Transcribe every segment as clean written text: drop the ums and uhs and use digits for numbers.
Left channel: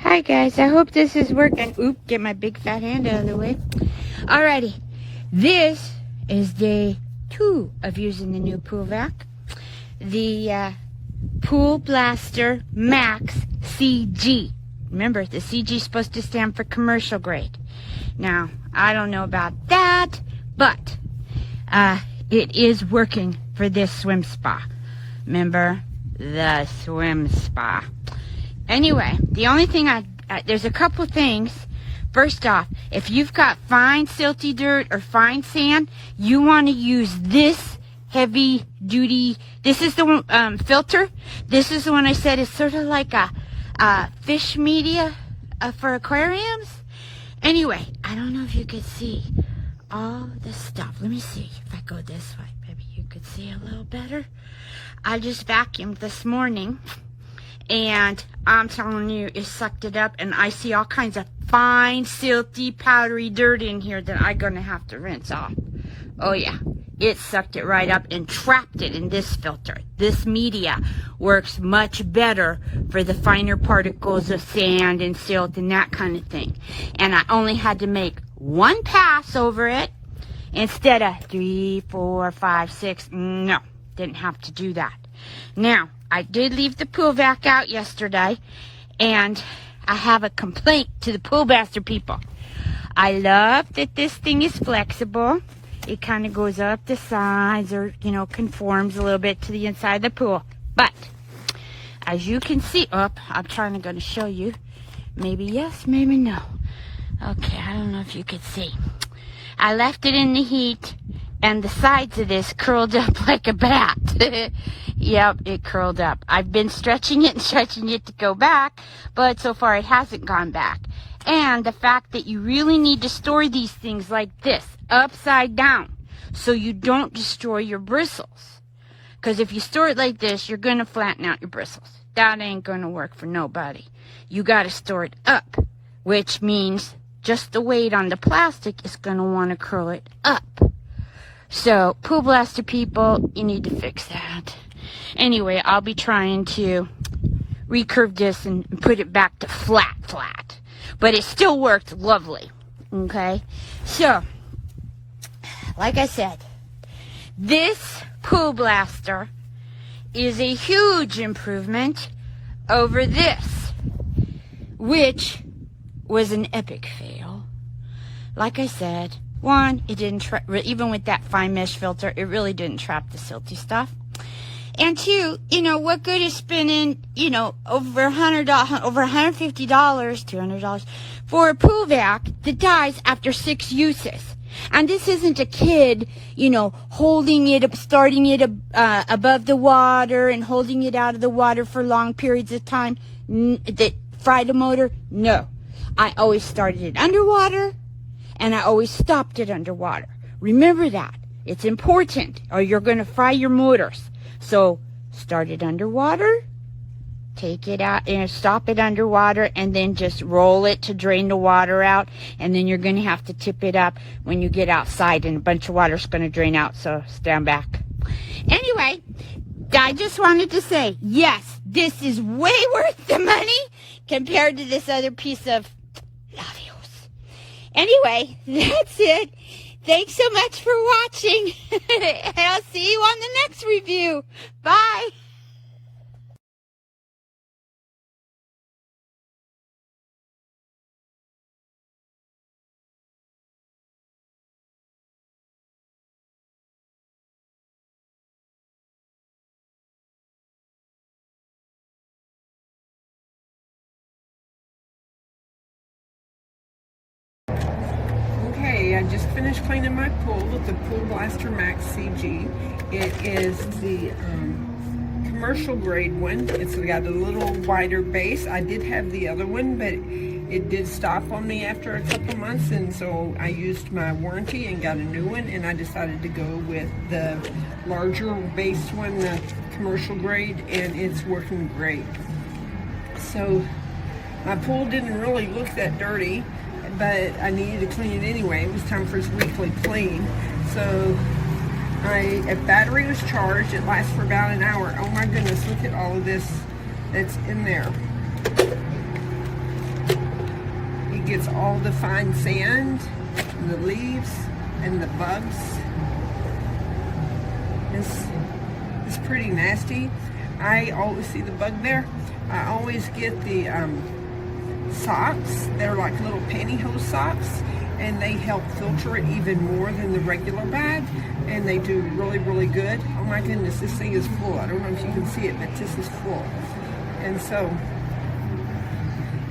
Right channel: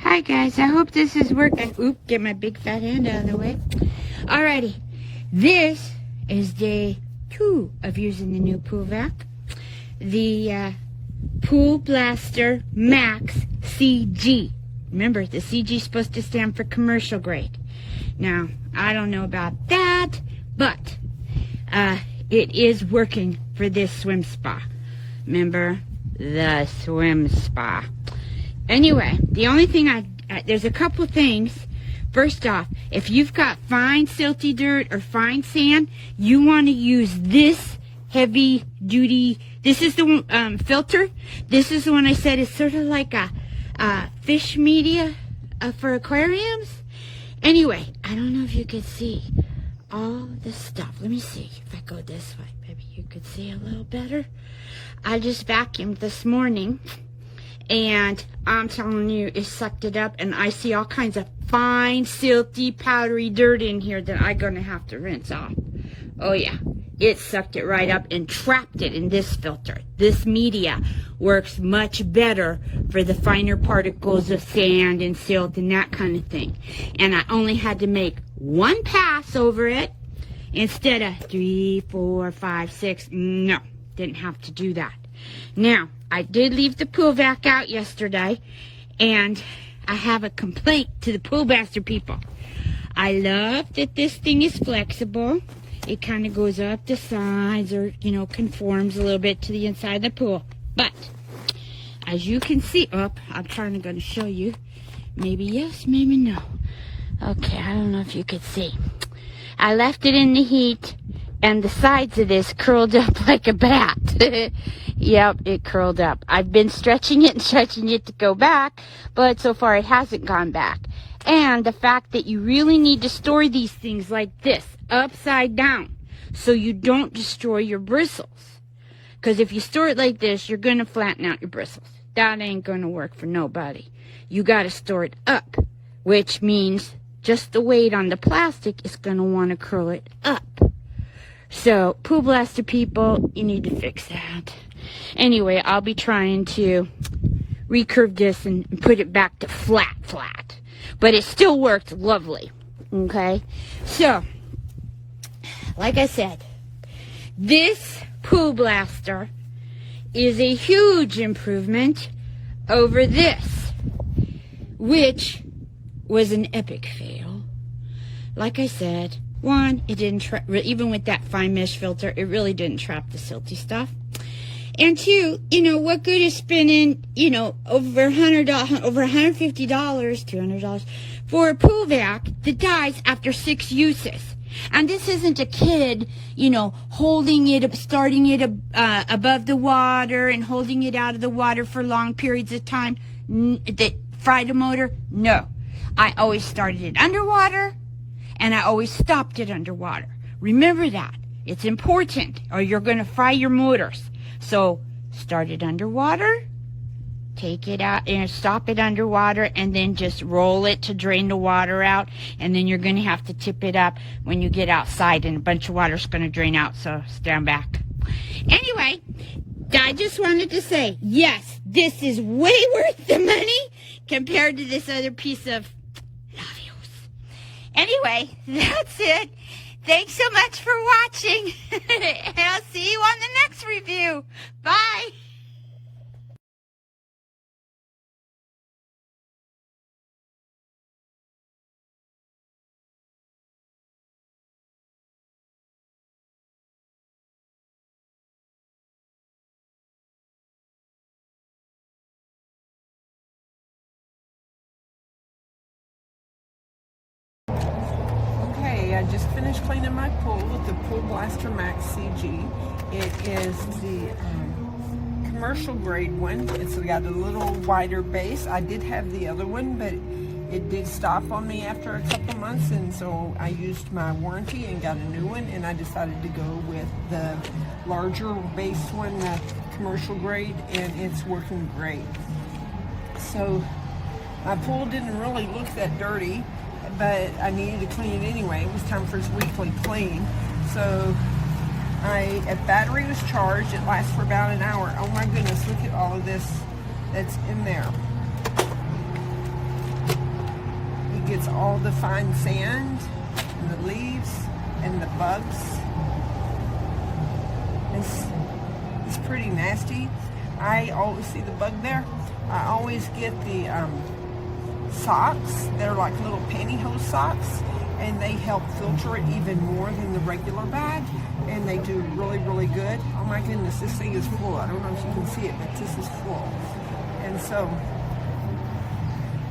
Hi guys, I hope this is working. Oop, get my big fat hand out of the way. Alrighty, this is day 2 of using the new pool vac. The Pool Blaster Max CG. Remember, the CG is supposed to stand for commercial grade. Now, I don't know about that, but it is working for this swim spa. Remember, the swim spa. Anyway, the only thing there's a couple things. First off, if you've got fine silty dirt or fine sand, you want to use this heavy duty. This is the filter. This is the one I said is sort of like a fish media for aquariums. Anyway, I don't know if you could see all the stuff. Let me see if I go this way. Maybe you could see a little better. I just vacuumed this morning, and I'm telling you, it sucked it up, and I see all kinds of fine, silty, powdery dirt in here that I'm going to have to rinse off. Oh yeah, it sucked it right up and trapped it in this filter. This media works much better for the finer particles of sand and silt and that kind of thing. And I only had to make one pass over it instead of 3, 4, 5, 6. No, didn't have to do that. Now, I did leave the pool vac out yesterday, and I have a complaint to the Pool Blaster people. I love that this thing is flexible. It kind of goes up the sides, or, you know, conforms a little bit to the inside of the pool. But, as you can see, I'm going to show you. Maybe yes, maybe no. Okay, I don't know if you could see. I left it in the heat, and the sides of this curled up like a bat. Yep, it curled up. I've been stretching it and stretching it to go back, but so far it hasn't gone back. And the fact that you really need to store these things like this, upside down, so you don't destroy your bristles. Because if you store it like this, you're going to flatten out your bristles. That ain't going to work for nobody. You got to store it up, which means just the weight on the plastic is going to want to curl it up. So, Pool Blaster people, you need to fix that. Anyway, I'll be trying to recurve this and put it back to flat. But it still worked lovely. Okay? So, like I said, this Pool Blaster is a huge improvement over this, which was an epic fail. Like I said, one, it didn't even with that fine mesh filter, it really didn't trap the silty stuff. And two, you know, what good is spending, you know, over $150, $200 for a pool vac that dies after 6 uses? And this isn't a kid, you know, holding it up, starting it above the water and holding it out of the water for long periods of time that fried a motor. No, I always started it underwater, and I always stopped it underwater. Remember that. It's important, or you're going to fry your motors. So, start it underwater, take it out, and stop it underwater, and then just roll it to drain the water out, and then you're going to have to tip it up when you get outside, and a bunch of water is going to drain out, so stand back. Anyway, I just wanted to say, yes, this is way worth the money compared to this other piece of labios. Anyway, that's it. Thanks so much for watching, and I'll see you on the next review. Bye. Okay, I just finished cleaning my pool with the Pool Blaster Max CG. It is the commercial grade one. It's got a little wider base. I did have the other one, but it did stop on me after a couple months, and so I used my warranty and got a new one, and I decided to go with the larger base one, the commercial grade, and it's working great. So my pool didn't really look that dirty, but I needed to clean it anyway. It was time for its weekly clean. So a battery was charged. It lasts for about an hour. Oh my goodness, look at all of this that's in there. gets all the fine sand and the leaves and the bugs. It's pretty nasty. I always see the bug there. I always get the socks. They're like little pantyhose socks, and they help filter it even more than the regular bag, and they do really, really good. Oh my goodness, this thing is full. I don't know if you can see it, but this is full. And so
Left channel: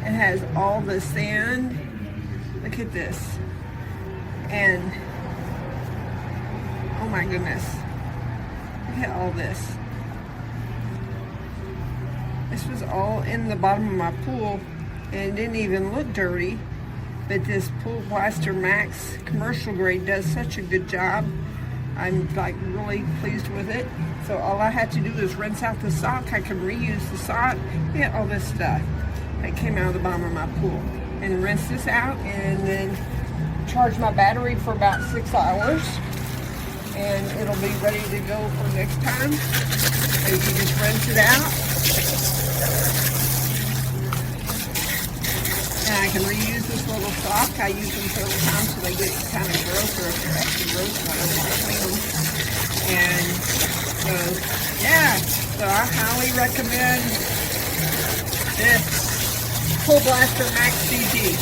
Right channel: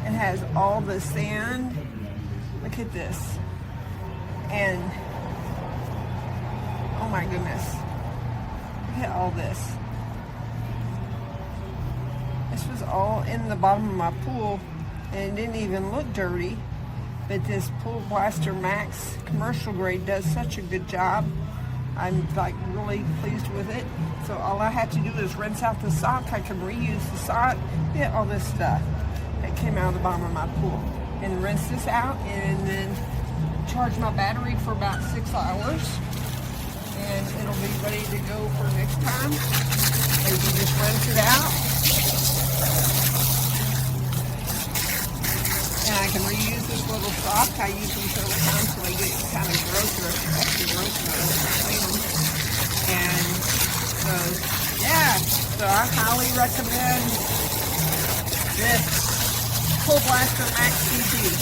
it has all the sand. Look at this. And oh my goodness, look at all this. This was all in the bottom of my pool, and it didn't even look dirty. But this Pool Blaster Max commercial grade does such a good job. I'm like really pleased with it. So all I had to do is rinse out the sock. I can reuse the sock. Yeah, all this stuff that came out of the bottom of my pool. And rinse this out, and then charge my battery for about 6 hours. And it'll be ready to go for next time. So you can just rinse it out. And I can reuse this little sock. I use them several times so they get kind of gross, or if they're extra gross, I don't want to clean them. And so, yeah, so I highly recommend this Pool Blaster Max CG.